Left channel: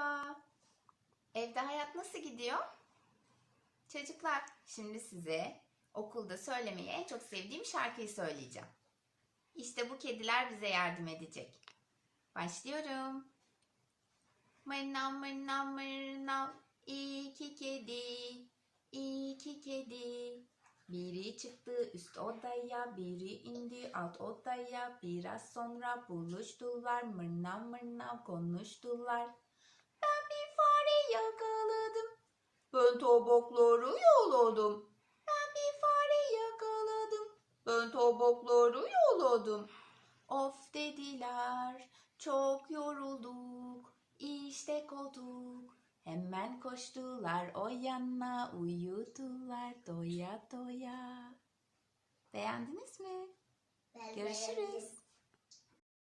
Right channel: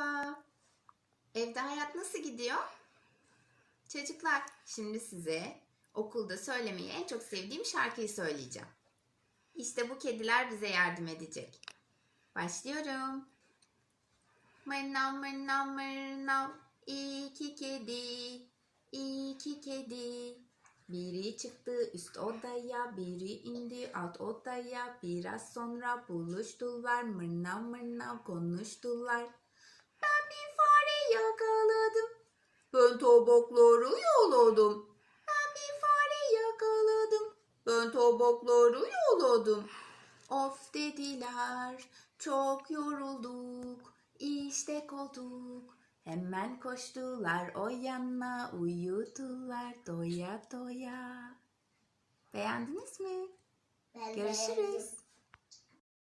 Merhaba. Evde hayat nasıl gidiyor? Çocuklar, şimdi size okulda söylemeyi en çok sevdiğim şarkıyı söyleyeceğim. İşte bu kediler bize yardım edecek. Başlıyorum. Mırnav mırnav mırnav iki kedi, iki kedi. Biri çıktı üst odaya, biri indi alt odaya. Biraz sonra buluştular, mırnav mırnav konuştular. Ben tabakları yaladım. Ben bir fare yakaladım. Ben tabakları yaladım. Of dediler, çok yorulduk. İşte koltuk. Hemen koştular o yana, uyudular doya doya. Beğendiniz mi? Ben Görüşürüz. beğendim.